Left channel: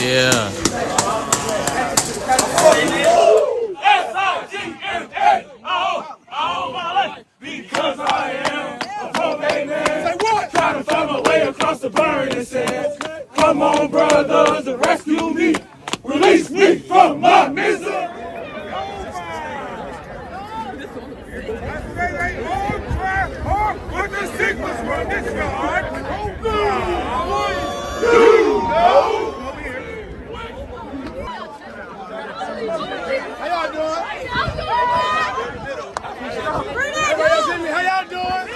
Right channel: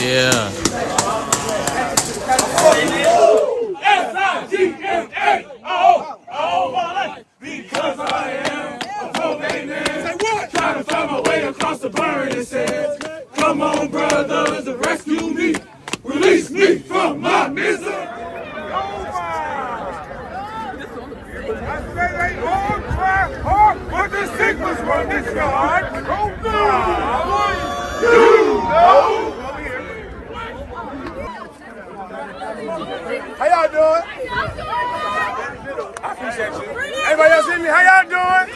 Yeah. S-I-G-M-A, all my life, because I am a pro-man. Say what? Trying to find my way across the burning sands. Come on, brothers, and rescue me. Release me from my misery. How y'all doing? I appreciate you. Everybody else see me? How y'all doing?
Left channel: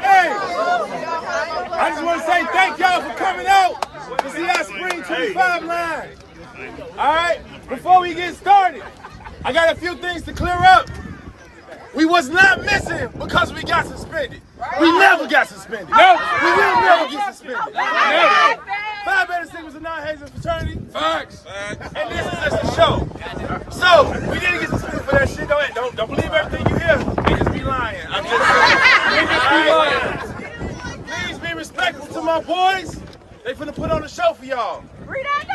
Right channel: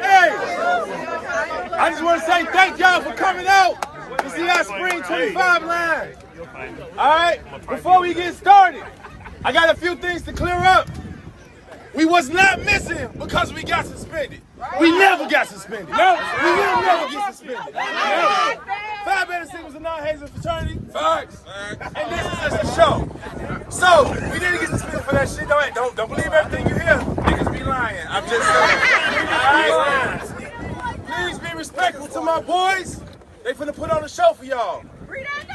Hey, I just want to say thank y'all for coming out to see our Spring 25 line. All right, before we get started, I got a few things to clear up. We was not missing because we got suspended. We never got suspended. We will never get suspended. Phi Beta Sigma was a non-hazing fraternity. Facts. And this is just a show. So, we didn't get suspended for that shit. Don't believe everything you hear. Niggas be lying. I'm just saying. Please be respectful to my boys. They finna put on a show for y'all. Read on now.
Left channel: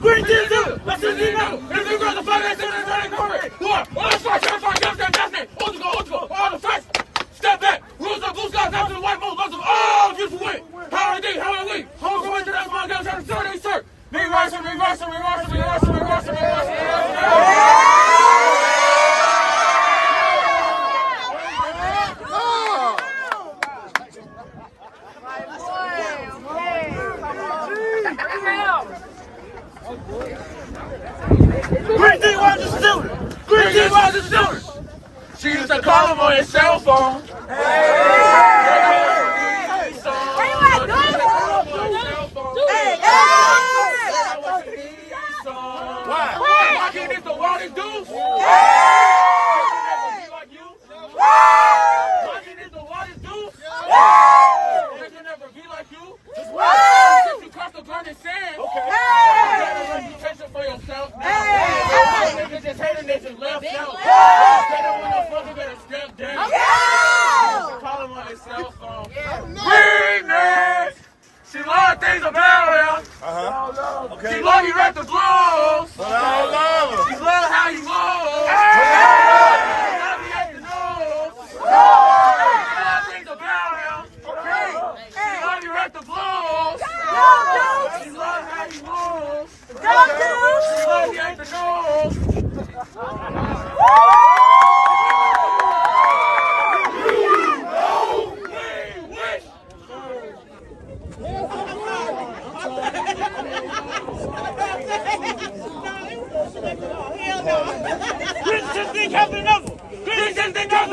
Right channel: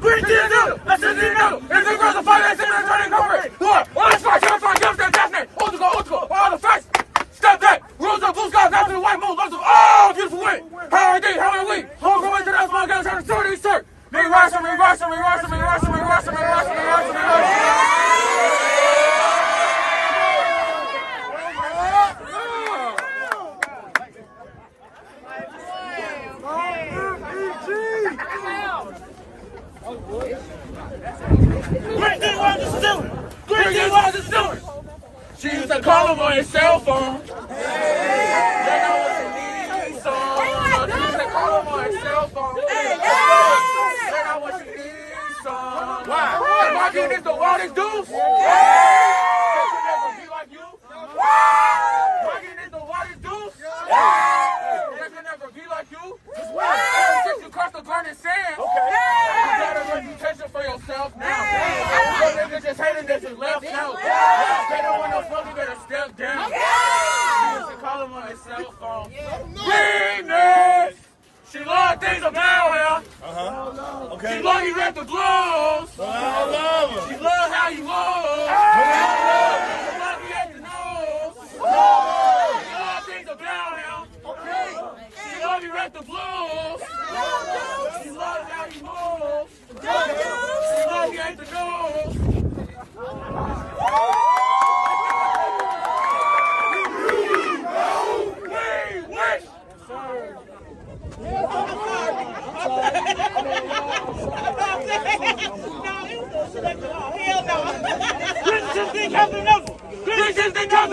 Green team do. Let's just know. If you girls are fighting, they're trying to cover it. What? All the strikes, definitely. Old school. All the facts. Step back. Rules of blue skies after the white moon. Lots of beautiful win. How are they? How are we? Home going to that small guy trying to start. They reverse him. She used to call him on his cell phone. Why can't this the wildest dudes? They could never be like you. Why can't this the wildest dudes? They could never be like you. Since you crossed the burning sand, you got a reputation for yourself now. Those niggas just hating that you left now. They don't want no fucking better step down. She used to call him on his cell phone. Remix! She loved things about him. Okay. She loved you at the gloves. But I don't love him. She loved how you move. But I don't love him. She loved you at the nose. She loved things about him. Okay. She loved you at the gloves. She loved how you move. She loved you at the nose. This thing happened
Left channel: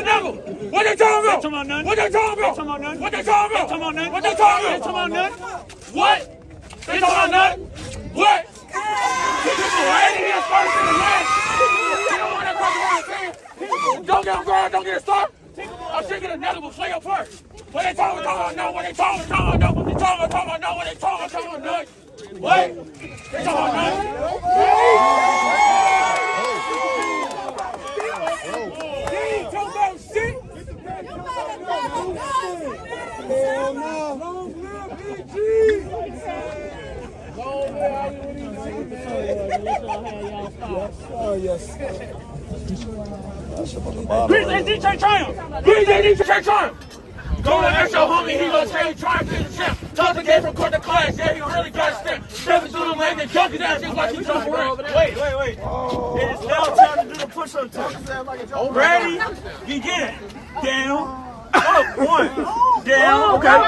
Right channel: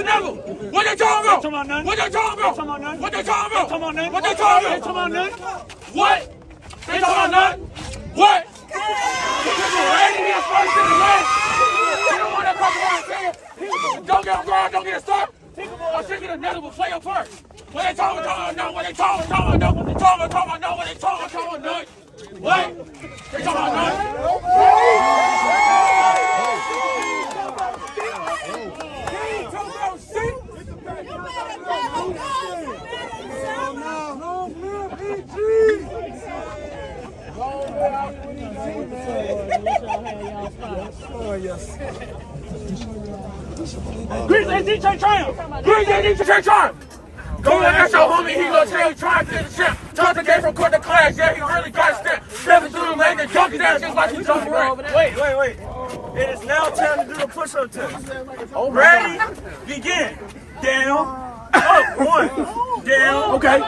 never. What they talking about? What they talking about? What they talking about? What they talking about? What? They talking about nothing? What? He is first in the land. You don't want to talk about saying. Don't get him going. Don't get it started. I'm thinking another will play your part. What they talking about? No. What they talking about? No. What they talking about? No. What they talking about? No. What? They talking about Oh, yes. Grease AD Triumph. Go and ask your homie, he gonna tell you, try to get the champ. Talk to Dave from court to class, yeah, he really got a step. Stepping through the lane and junkies ass just like he jumping around. Wait. It is now time to do the push-up test. Ready? Begin. Down. Up. 1. Down. Okay. Down.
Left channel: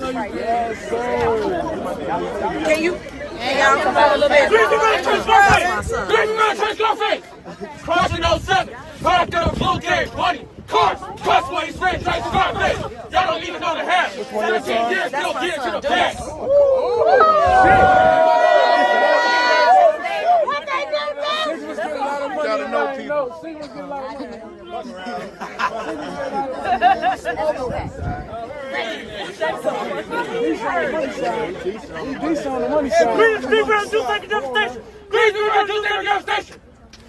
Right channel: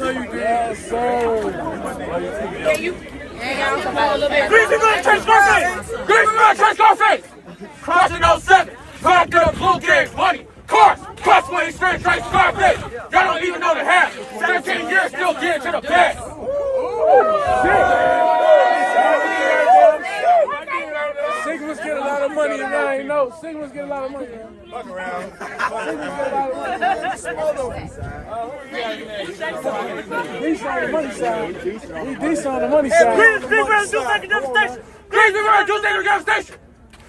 No, you did. Yes, sir. Greasy Brother Church Scarface. Greasy Brother Church Scarface. Crossing 07. Product of the blue games, money, cars, customer experience, Church Scarface. Y'all don't even know the half. 17 years, still getting to the bag. You gotta know people. Greasy Brother do second devastation. Greasy Brother do second devastation.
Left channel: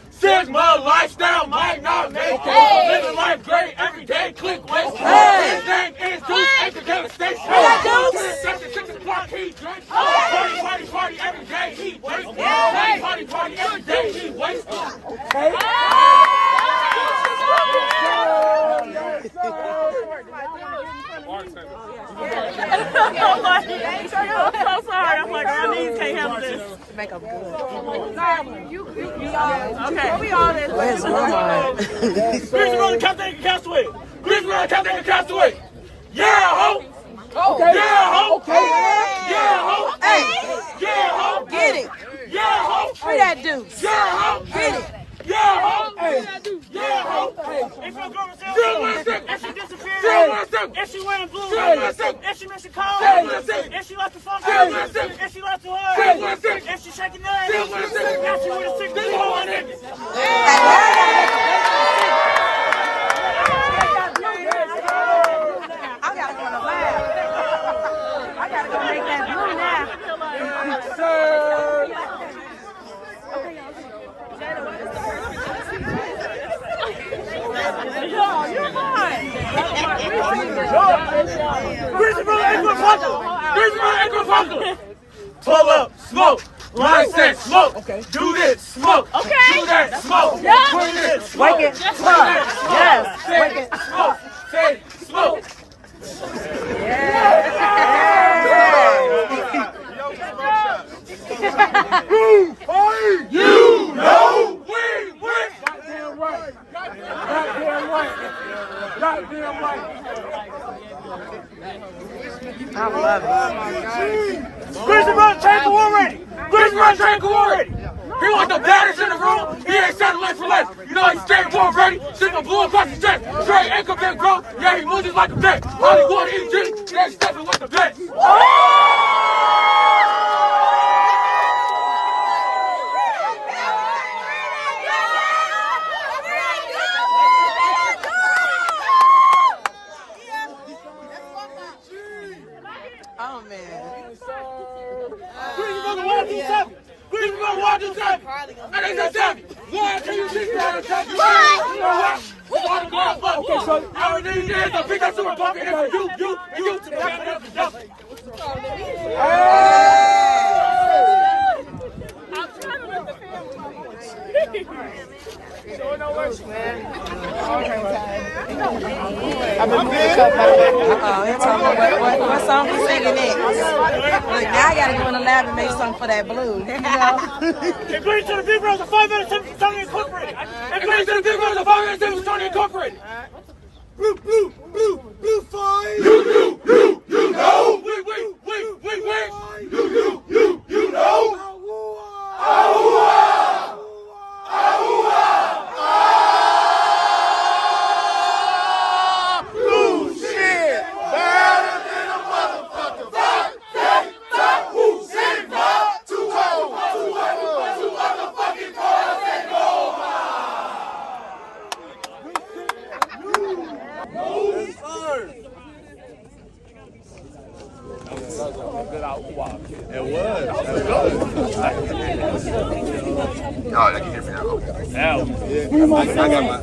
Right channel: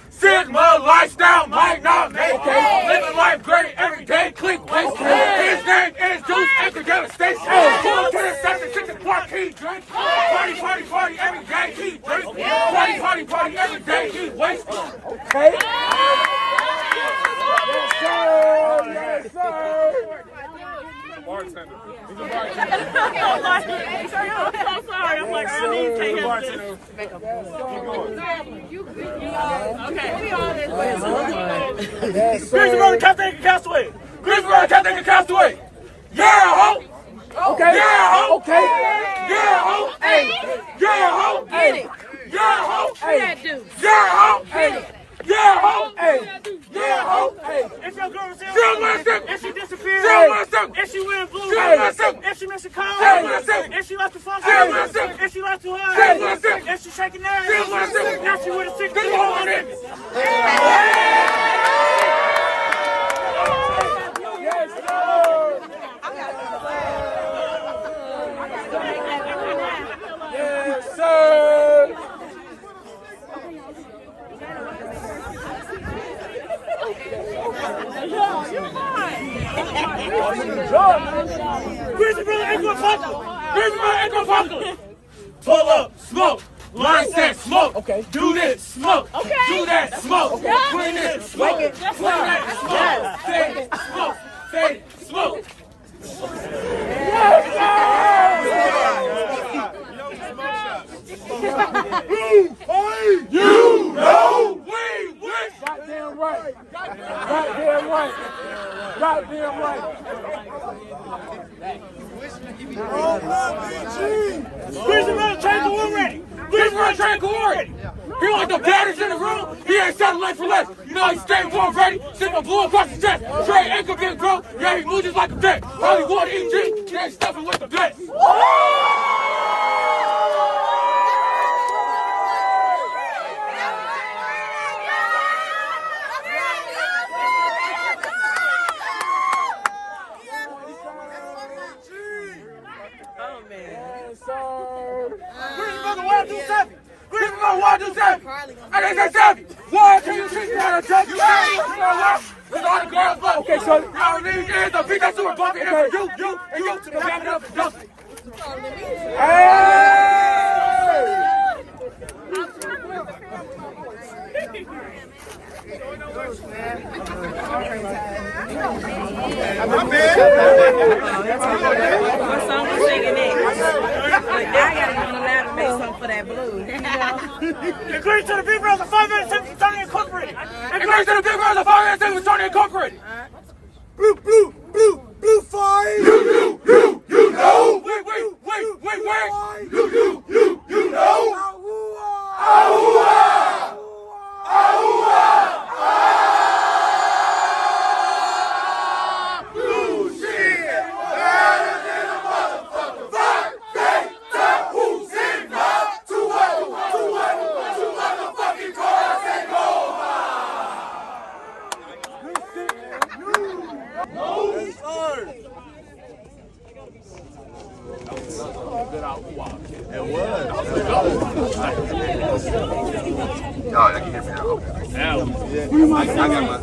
Sigma lifestyle might not make it. Living life great every day, click waste. His name is Juice Anchor Devastation. Going to the 76 Park, he drink. Party, party, party every day, he drink. Party, party, party every day, he waste. Okay? Bartender. I'm sorry. I'm like, our knees can't handle this. Greasy Brother Captain Castaway. Greasy Brother Captain Castaway. Yeah, ho. Okay. Yeah, ho. Okay. Yeah, ho. Hey, Yeah, ho. get it. Yeah, ho. Free that dude. Yeah, ho. Get it. Yeah, ho. Yeah, ho. If your girl is If she disappeared, if she wearing blue, if she missing calls, if she lost the phone, if she lost the heart, if she shaking ass, now she with a 6-year-old. Greasy Brother Ankle Apocalypse. Greasy Brother Ankle Apocalypse. Pull up, Smoke. Line set, smoke. Okay. Do this, smoke. Okay. Do that, smoke. Okay. Clean it, smoke. Work it. Clean that, smoke. Yes. Say it, smoke. Say it, smoke. You know we win. Goddamn right. Goddamn right. Goddamn right. Greasy Brother Tank of War ready. Greasy Brother Tank of War ready. He wants the baddest in the room. He ain't settling for less. You know he's staying war ready. Sipping blue across the chest. Straight ankle big bro. Yeah, he moves just like a vet. Hollywood EG. Yeah, he's stepping with the vet. Oh, man. Greasy Brother 127. Greasy Brother 127. And they say 7. 1, 2, 3, 4, 5, 6, 7. You know what? It's all the girls, but okay, so you know what I mean? Yeah, so pick that super bucket in for you, and you to back it up and dump it. My song was singing it. I gotta go on the lab and make something for that blue. You know? Agree to the Big Brothers 5 minutes Tony Incorporated. And going to the big girls of 5 minutes with Tony Incorporated. Blue fire. You know. Wait. You know. Blue shit. Better than a motherfucker. Woo shit. 2 motherfucking cars and go. Yes, sir. It was. Oh, I can hear me now. I got my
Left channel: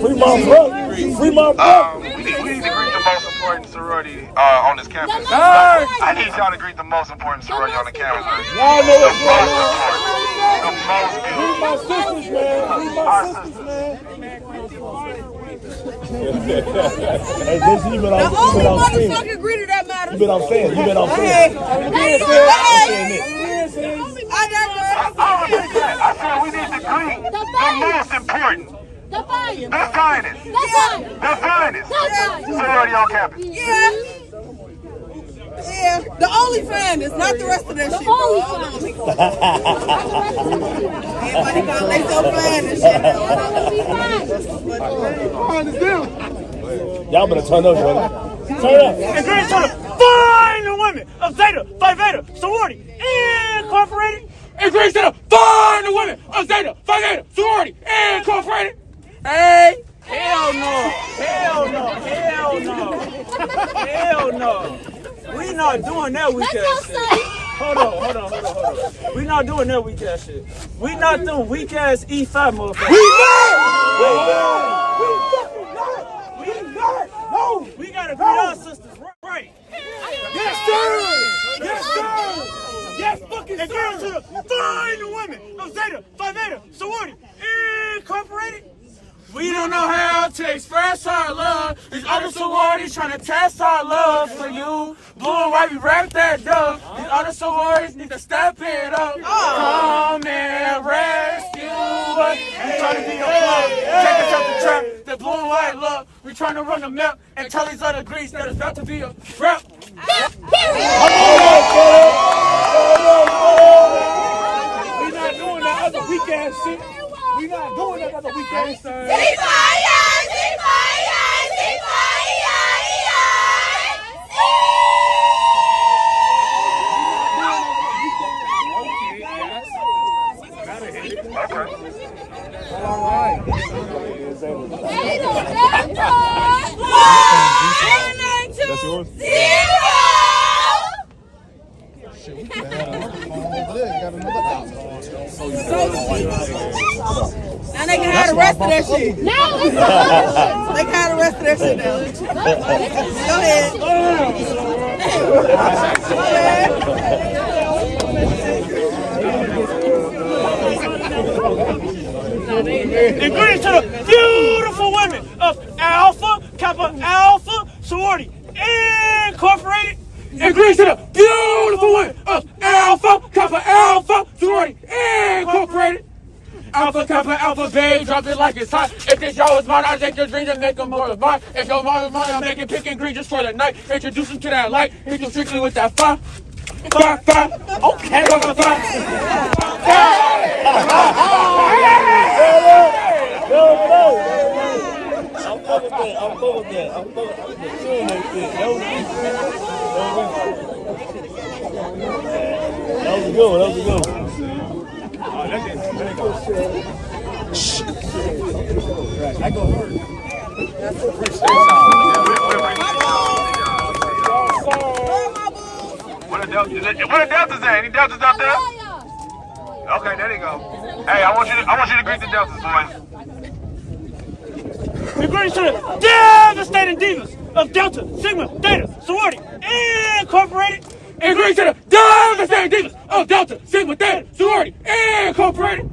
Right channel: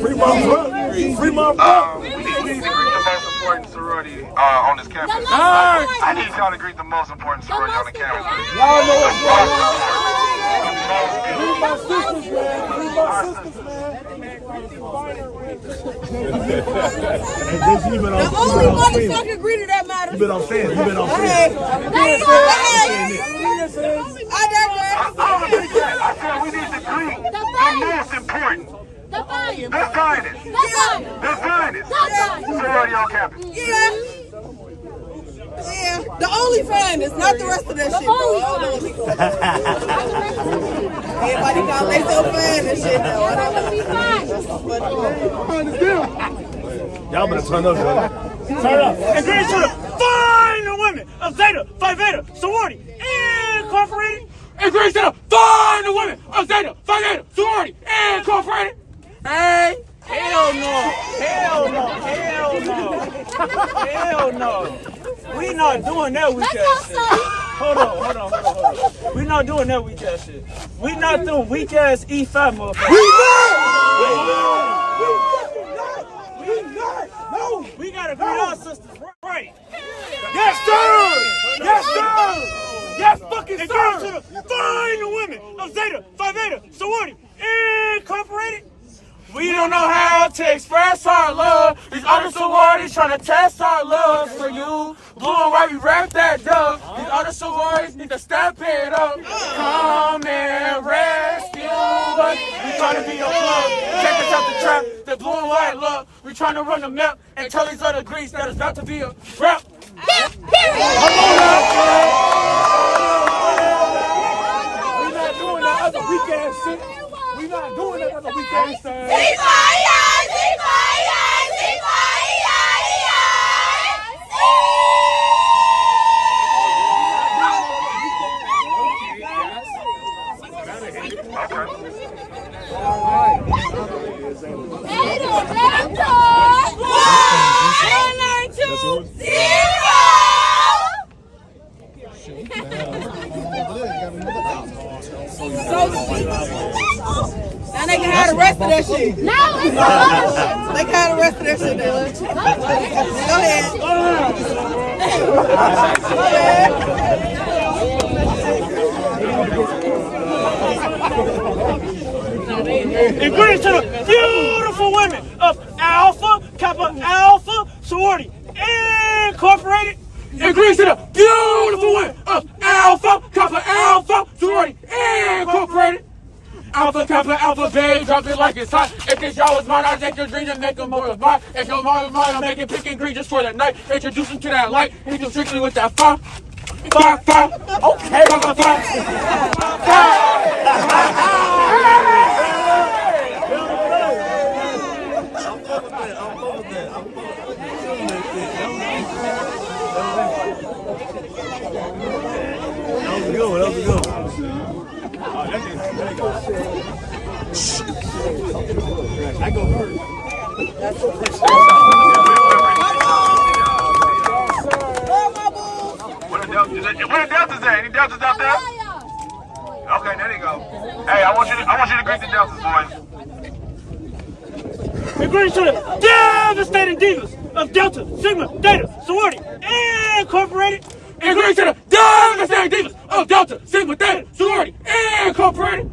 Free my brother. Free my brother. we need to greet the most important sorority on this campus. I need y'all to greet the most important sorority on the campus. Y'all know what's going on. The most Free my sisters, man. Hey, this you been on Motherfucker greeted that matter. You been on fans. You been on fans. I said we need to greet the most important, the finest sorority on campus. Yeah. Yeah, the only fan is not the rest of that shit. Everybody call they so fan and shit. Y'all better turn up, man. Turn up. And great to the fine women of Zeta Phi Beta Sorority Incorporated. And great to the fine women of Zeta Phi Beta Sorority Incorporated. Hey. Hell no. Hell no. Hell no. Hell no. We not doing that weak ass shit. Hold on. We not doing that weak ass shit. We not doing weak ass E5 motherfuckers. No, we gotta be our sisters, right? Yes, sir! Yes, sir! Yes, fucking sir! And go to the fine women of Zeta Phi Beta Sorority Incorporated. We don't know how to express our love. These other sororities trying to test our love for you. Blue and white, we wrap that dove. These other sororities need to step it up. Come and rescue us. We trying to be a plug. Take us out the trap. The blue and white love. We trying to run the map and tell these other Greeks that it's got to be a rap. We not doing that other weak ass shit. We not doing that other weak ass shit. That's yours? Now they can have the rest of that shit. No, it's not. They can have the rest of that shit now. Go ahead. Go ahead. And greetings to the beautiful women of Alpha Kappa Alpha Sorority Incorporated. And greetings to the beautiful women of Alpha Kappa Alpha Sorority Incorporated. Alpha Kappa Alpha babe, drop it like it's hot. If this y'all was mine, I'd take your dreams and make them more of mine. If your mom is mine, I'll make it pick and green just for the night. Introduce them to that light, hit them strictly with that fire. Fire. Okay, fire. That was good. I go hard. What the deltas at? Any deltas out there? Okay, there they go. Hey, I want you to greet the deltas, boys. And greetings to the devastating divas of Delta Sigma Theta Sorority Incorporated. And greetings to the devastating divas of Delta Sigma Theta Sorority Incorporated.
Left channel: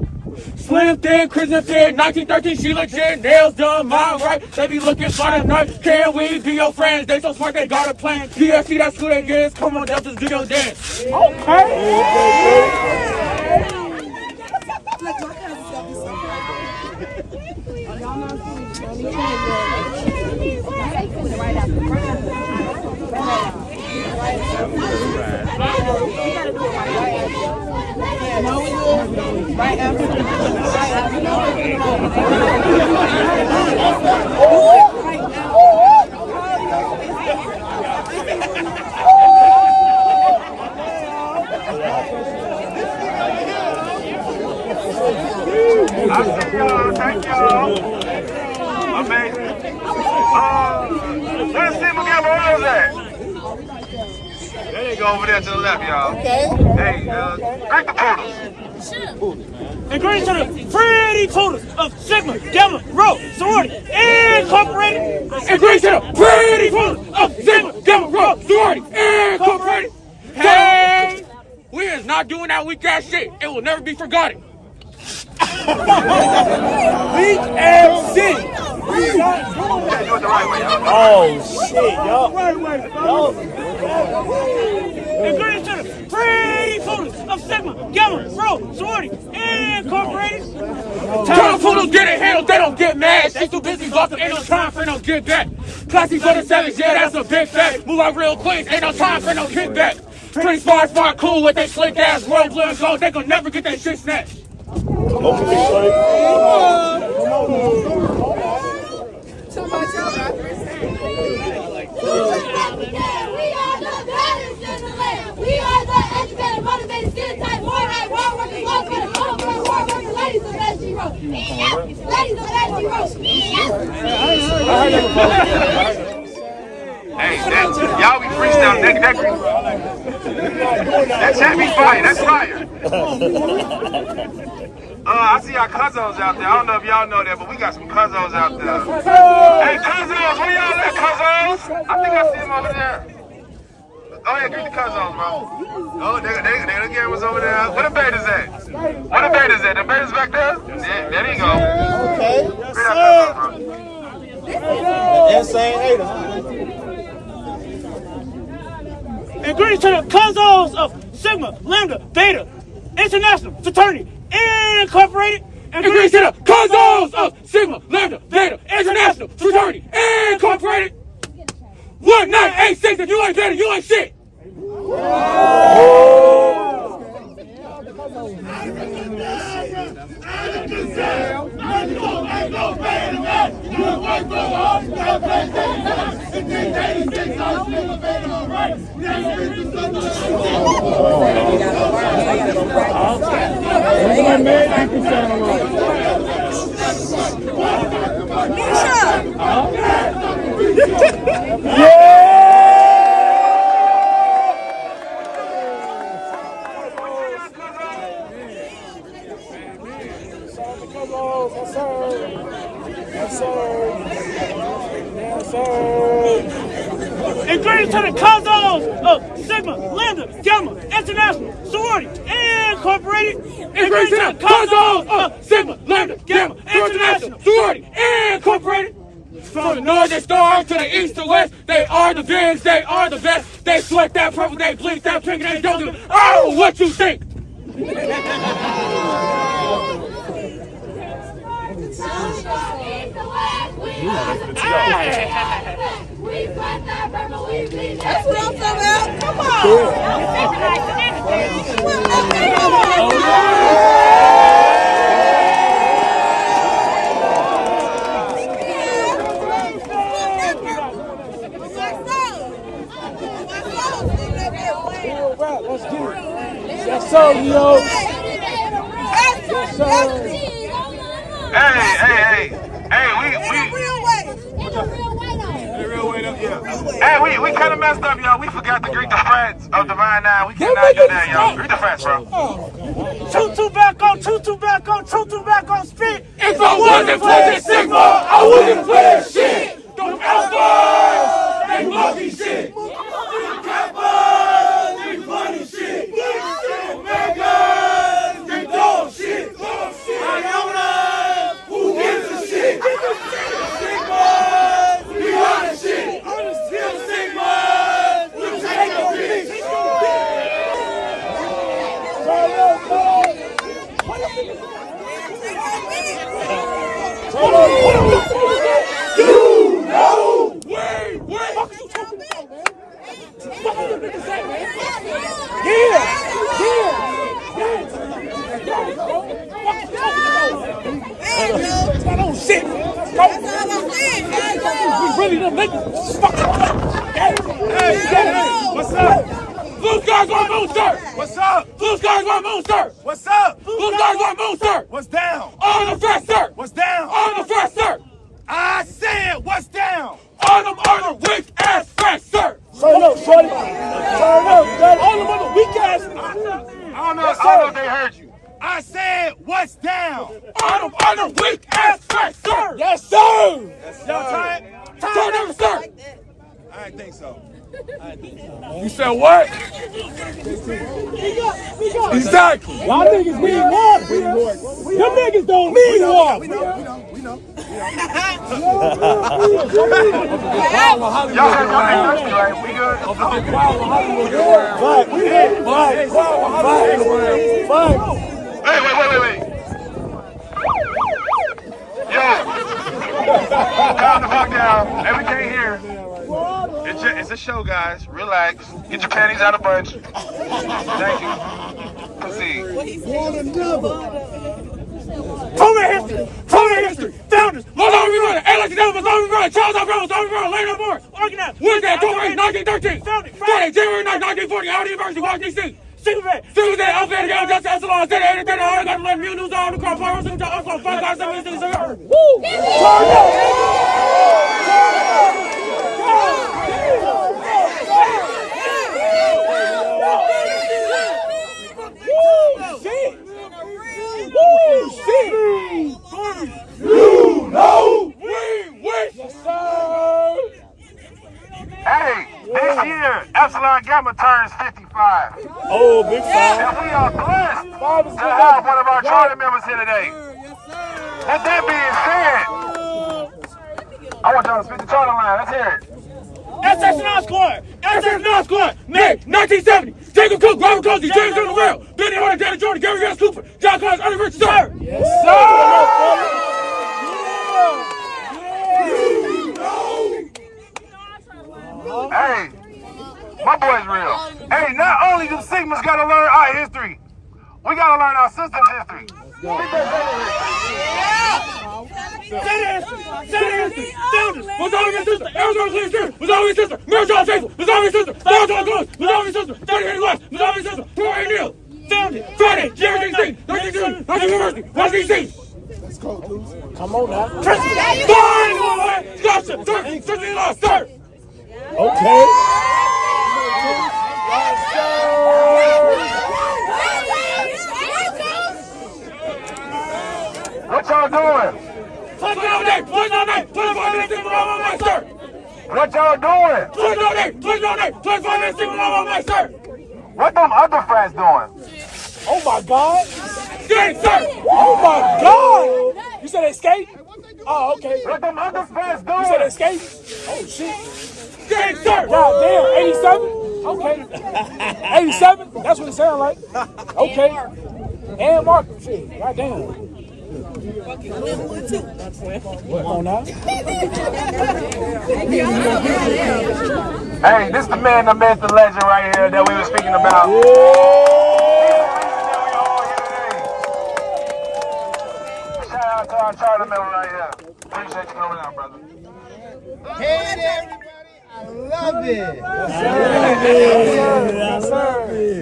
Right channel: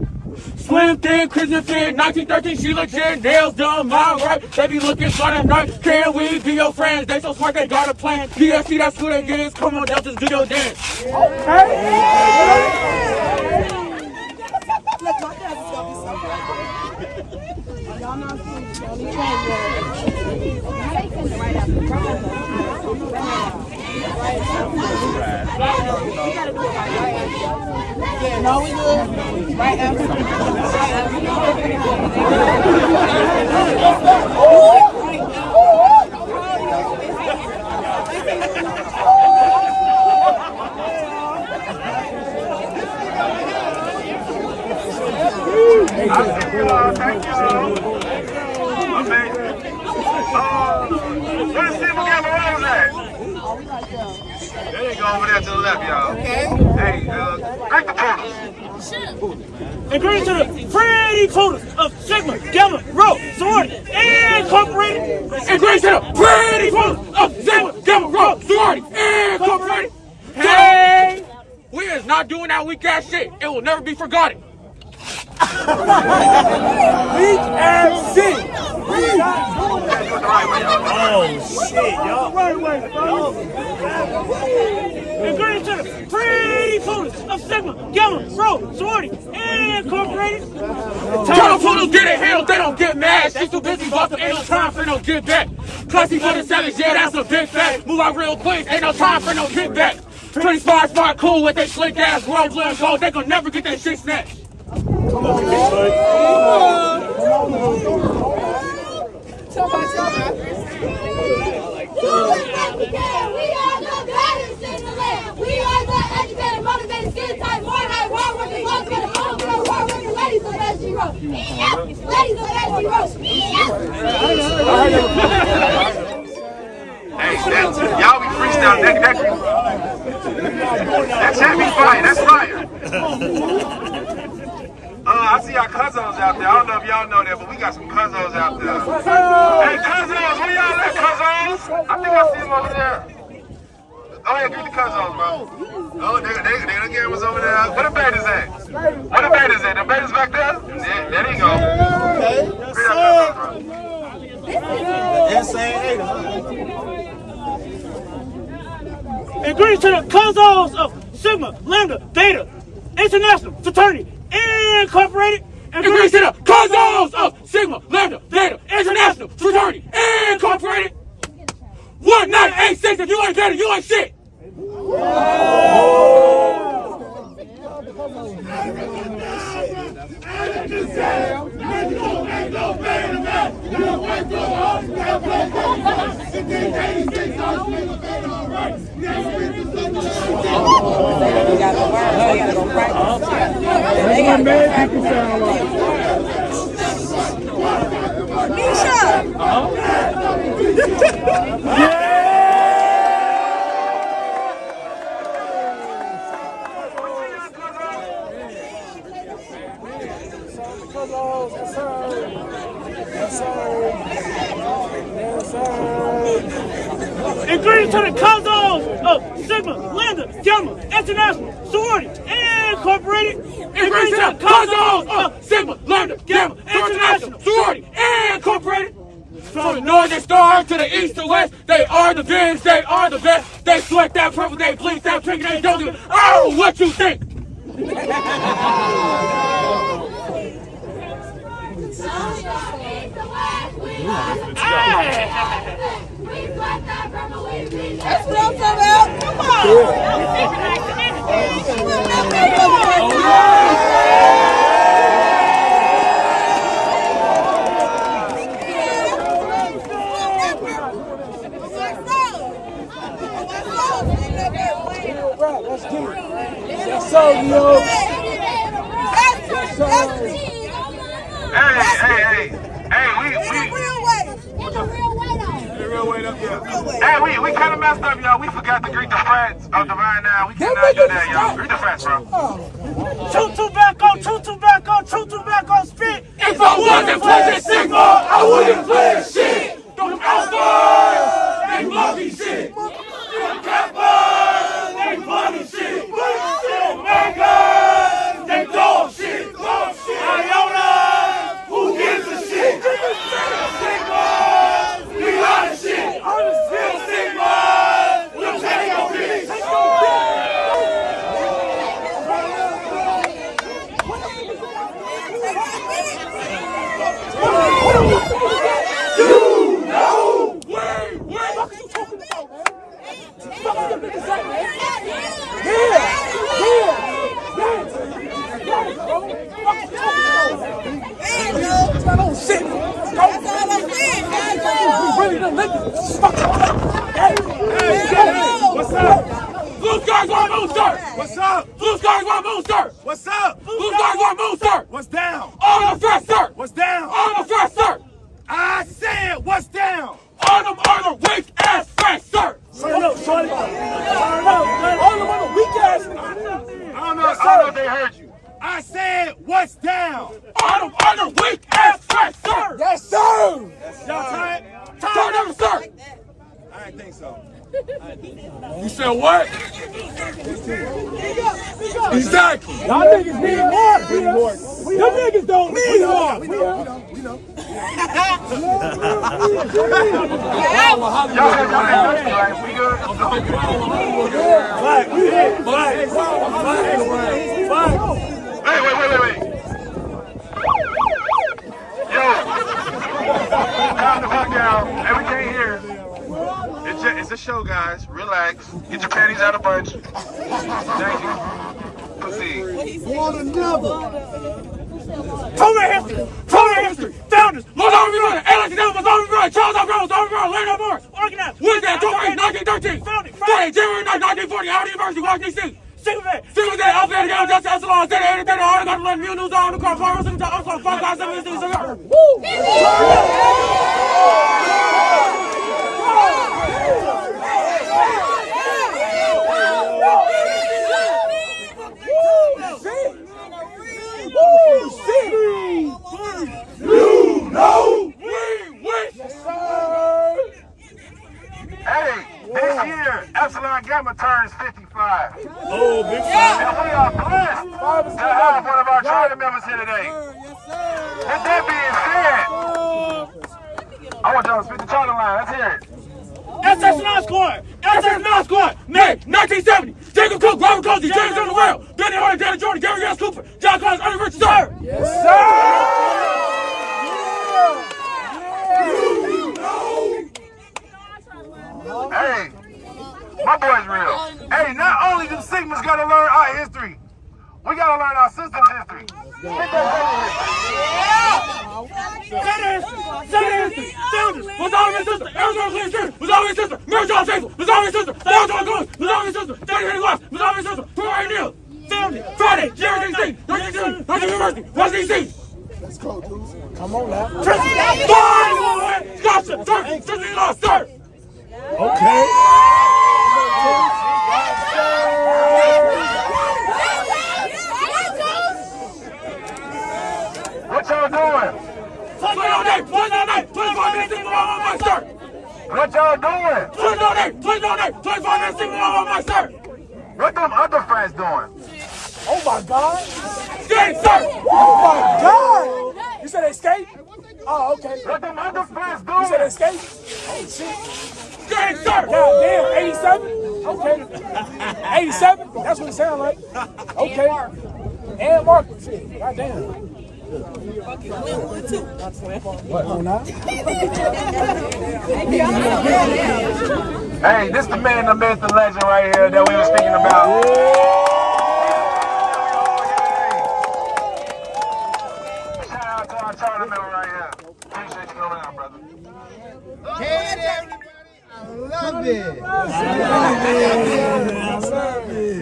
Slim thin, Christian fit, 1913, she legit, nails done, mind right. They be looking smart at night. Can we be your friends? They so smart, they got a plan. DSC, that's who they is. Come on, Deltas, do your dance. No, we good. Right after. Thank you. Amazing. Where's Steve McGavin? Where is that? There they go over there to the left, y'all. Okay. Hey, drink the poodles. And greetings to the pretty poodles of Sigma Gamma Rho Sorority Incorporated. And greetings to the pretty poodles of Sigma Gamma Rho Sorority Incorporated. Hey, we is not doing that weak ass shit. It will never be forgotten. Weak ass shit. Do it the right way, y'all. Oh shit, y'all. And greetings to the pretty Poodles of Sigma, Gamma, Rho, Sorority, Incorporated. Tell the poodles get it handled, they don't get mad. They too busy buffing, ain't no time for no get back. Classy for the savage, yeah, that's a big fact. Move out real quick, ain't no time for no kickback. Pretty smart, cool with they slick ass world blue and gold. They gon' never get that shit snatched. We are the educated, motivated, skin tight, more right, raw working, love getting, all of our raw working ladies of that she wrote. Ladies of that she wrote. Hey, y'all be freestyling. That chat be fire. That's fire. I see our cousins out there. I don't know if y'all know that, but we got some cousins out there. Hey, cousins, where y'all at, cousins? I think I see them over there. Go ahead, greet the cousins, bro. Oh, they the cameras over there. Where the babies at? Where the babies at? The babies back there? There they go. Okay. Greet our cousins, bro. Insane. And greetings to the cousins of Sigma, Lambda, Beta, International, Fraternity, Incorporated. And greetings to the cousins of Sigma, Lambda, Beta, International, Fraternity, Incorporated. 1986, if you ain't better, you ain't shit. And greetings to the cousins of Sigma, Lambda, Gamma, International, Sorority, Incorporated. And greetings to the cousins of Sigma, Lambda, Gamma, International, Sorority, Incorporated. From the north they star to the east to west, they are the best, they are the best. They sweat that purple, they bleed that drinking, they don't give oh, what you think? That's what I'm talking about. Come on. Let's do it. Yes, sir, yo. Hey, we kind of messed up, y'all. We forgot to greet the friends of Divine Nine. We cannot do that, y'all. Greet the friends, bro. Chew tobacco, spit. If I wasn't playing Sigma, I wouldn't play shit. Them alphas, they lucky shit. Them cappers, they funny shit. Them megas, they dog shit. Iona, who gives a shit? Sigmas, we honor shit. Real Sigmas, we'll take a piece. You know where What's up? Blue Stars want Moonster! What's up? Blue Stars want Moonster! What's up? Blue Stars want Moonster! What's down? On the first sir! What's down? On the first sir! I said, what's down? On them are the weak ass fresh sir! Turn up, shorty. Turn up, shorty. All of them are the weak ass. I don't know if they heard you. I said, what's down? On them are the weak ass fresh sir! Yes, sir. Y'all tired? Turn up, sir! I didn't think so. You said what? Exactly. Y'all niggas need more. Y'all niggas don't need more. We know. Y'all thirsty, right? We good? Right. Wait. Yo, calm the fuck down. Hey, we can't hear. It's a show, guys. Relax. Get your panties out of bunch. Thank you. Proceed. Total history. Founders. Most of you running. Alex Devil was always running. Charles Brown was always running. Leonard Morris. Organized. Wednesday, October 8, 1913. Founded. Friday, January 9, 1940. Howard University, Washington State. Single day, Alphabet, Just Echelon, State, 80, 30, all got to let Mule News on the cross, Farmers, and also 5 guys, 7 6. Woo! Hey, this year, Epsilon Gamma turns 55. Oh, big time. And we are blessed to have one of our charter members here today. With that being said, I want y'all to speak the charter line. Let's hear it. SS9 Squad, May 1970. Jacob Cook, Robert Cozy, James in the world. Benny Hunter, Danny Jordan, Gary S. Cooper, John Clark, University, sir. Yes, sir. Hey, my boy's real. Hey, not only do Sigmas gotta learn our history, we gotta learn our sister's history. Founders was always his sister. Arizona Clean Street was always his sister. Mary John Faithful was always his sister. Sarah John Gomes was always his sister. Danny Henry West was always his sister. Troy Neal. Founded. Friday, January 16, 1913. University, Washington D.C. Let's go, dudes. Come on now. Scott, sir. Okay. What y'all doing? What y'all doing? What them other friends doing? Oh my God. Skate, sir. Oh my God. You said they skate? Oh, okay. What them other friends You said they doing? skate? Oh shit. Skate, sir. God damn, 87? Okay. 87? That's what it sounds like. Okay. And Mark. Shit. God damn. What on now? Hey, this the man, the myth, the legend right here that we were speaking about. Shout out to our charter member right here. Appreciate you coming out, brother. Hey everybody, I love it.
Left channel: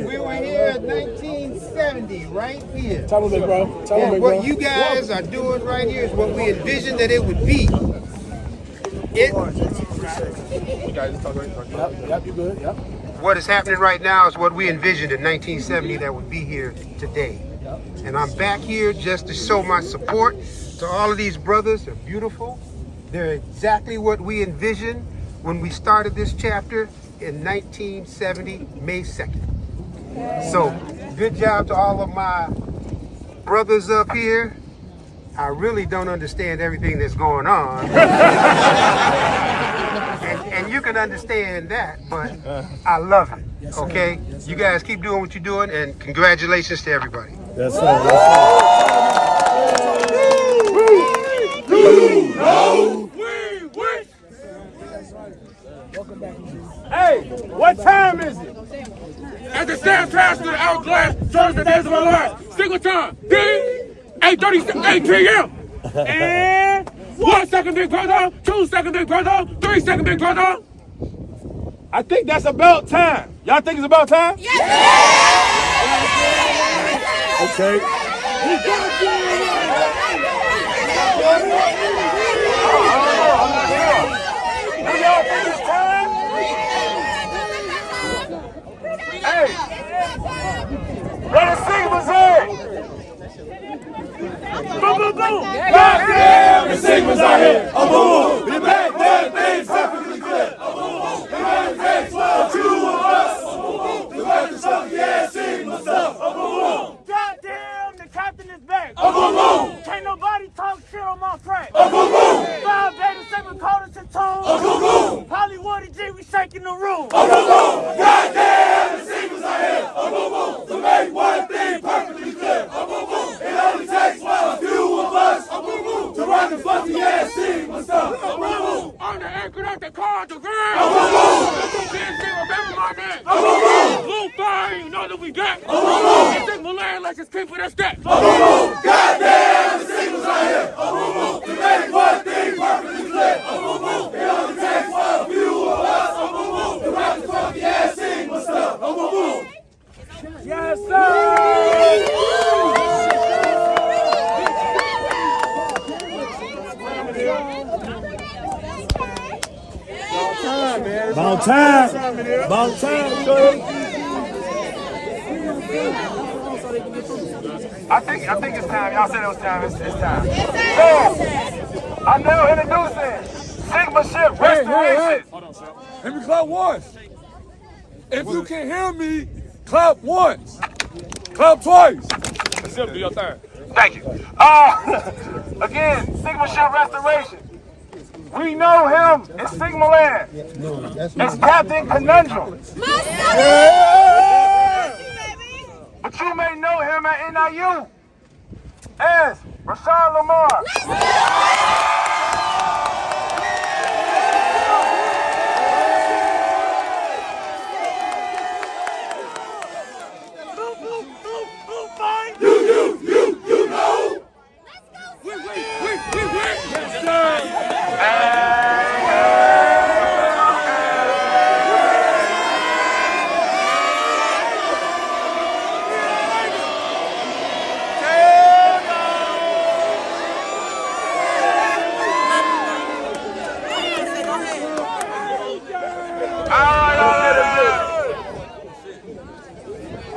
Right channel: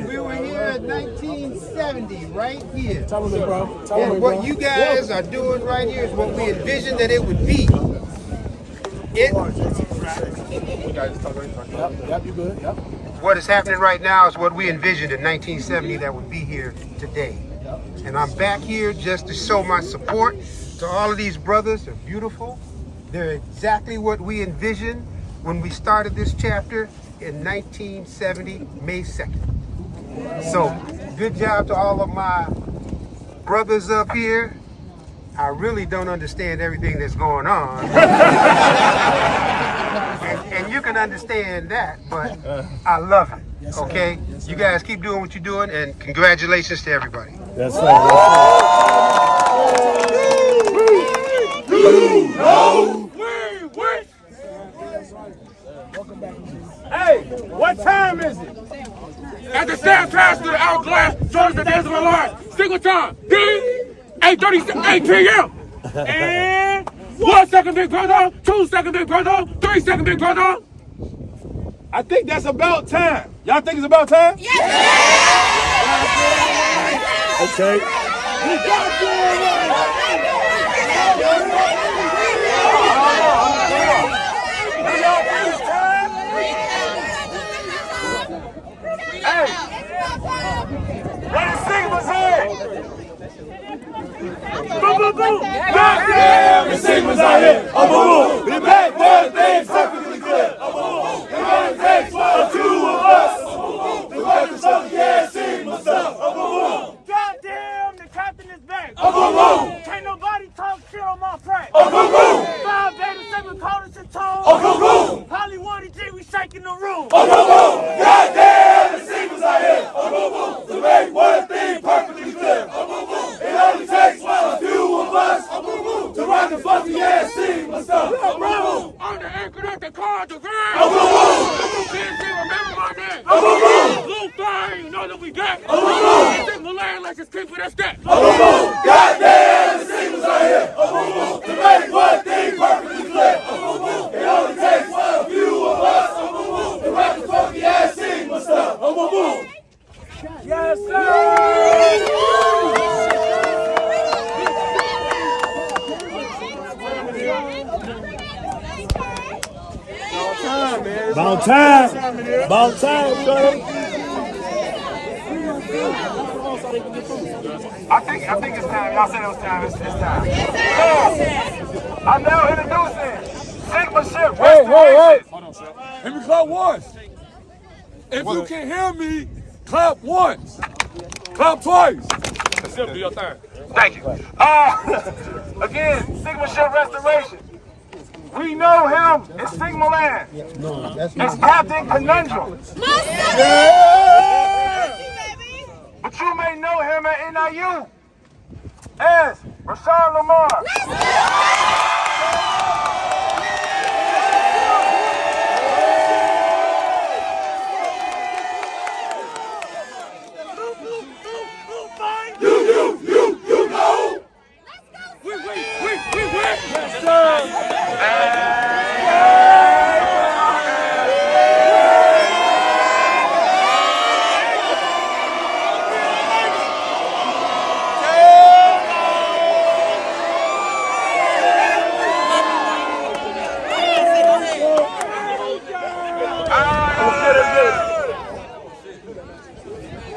We were here in 1970, right here. Tell me, bro. And what you guys are doing right here is what we envisioned that it would be. Yep, you good. Yep. What is happening right now is what we envisioned in 1970 that would be here today. And I'm back here just to show my support to all of these brothers. They're beautiful. They're exactly what we envisioned when we started this chapter in 1970, May 2nd. So, good job to all of my brothers up here. I really don't understand everything that's going on. and you can understand that, but I love it, okay? You guys keep doing what you're doing, and congratulations to everybody. Yes, sir. Yes, Hey, what time is it? At the stand trash to the hourglass, shows the days of my life. Single time, D, 8:38 p.m. And 1 second big brother, 2 second big brother, 3 second big brother. I think that's about time. Y'all think it's about time? Yes! Okay. Hey, where the Sigmas at? Boom, boom, boom. Goddamn, the Sigmas are here. Oh, boom, boom. We make one thing perfectly clear. Oh, boom, boom. The one takes for the two of us. Oh, boom, boom. The workers of the ass Sigma stuff. Oh, boom, boom. Goddamn, the captain is back. Oh, boom, boom. Can't nobody talk shit on my track. Oh, boom, boom. 5 Beta 7 callers and tones. Oh, boom, boom. Hollywood and G, we shaking the room. Oh, boom, boom. Goddamn, the Sigmas are here. Oh, boom, boom. we got. And Sigma land, let's just keep it a step. Goddamn, the Sigmas are here. To make one thing perfectly clear. It only takes one few of us to rock the funky ass Sigma stuff. Yes, sir. About time, Shorty. I think it's time. Y'all said it was time. It's time. So, I'm now introducing Sigma Ship Restoration. Hold on, Sal. Let me clap once. If you can hear me, clap once. Clap twice. That's it, do your thing. Thank you. Again, Sigma Ship Restoration. We know him in Sigma Land. It's Captain Conundrum. But you may know him at NIU as Rashawn Lamar. You know. We win. Yes, sir.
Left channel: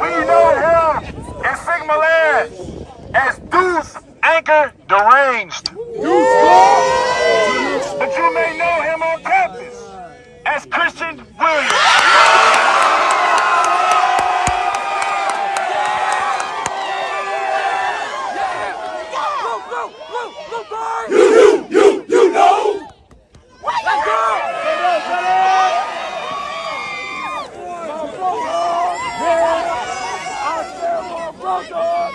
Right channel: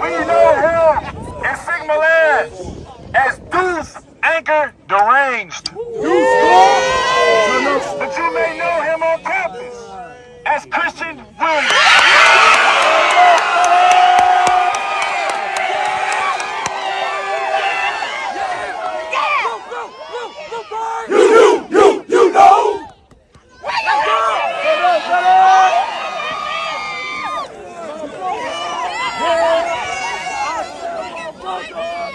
We know him in Sigma Land as Deuce Anchor Deranged. But you may know him on campus as Christian Williams. You know. Let's go!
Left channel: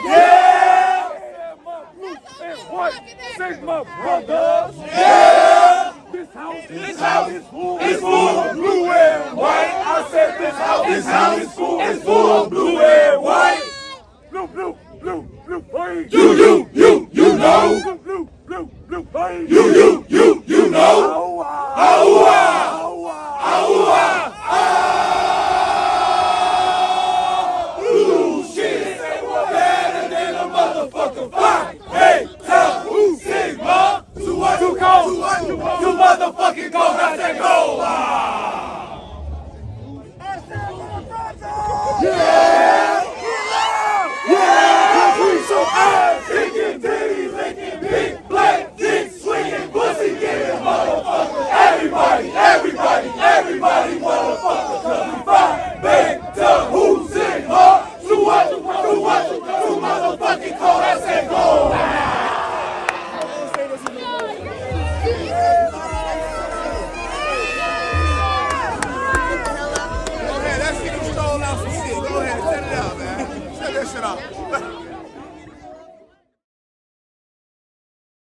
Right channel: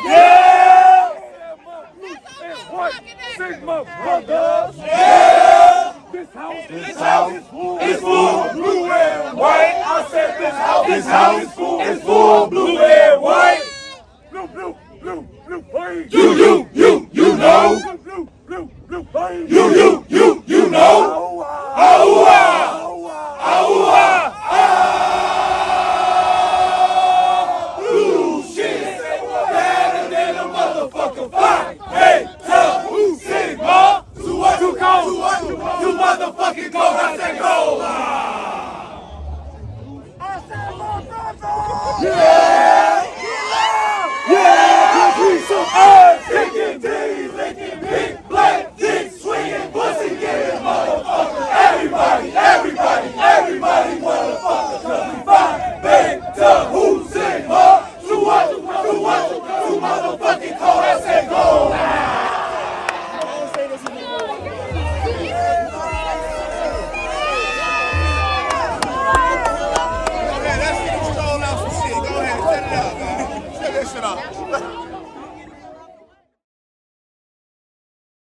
Yeah! Sigma brothers! Yeah! This house is full of blue and white. I said this house is full of blue and white. Blue, white. You know. Blue, white. You know. Oh,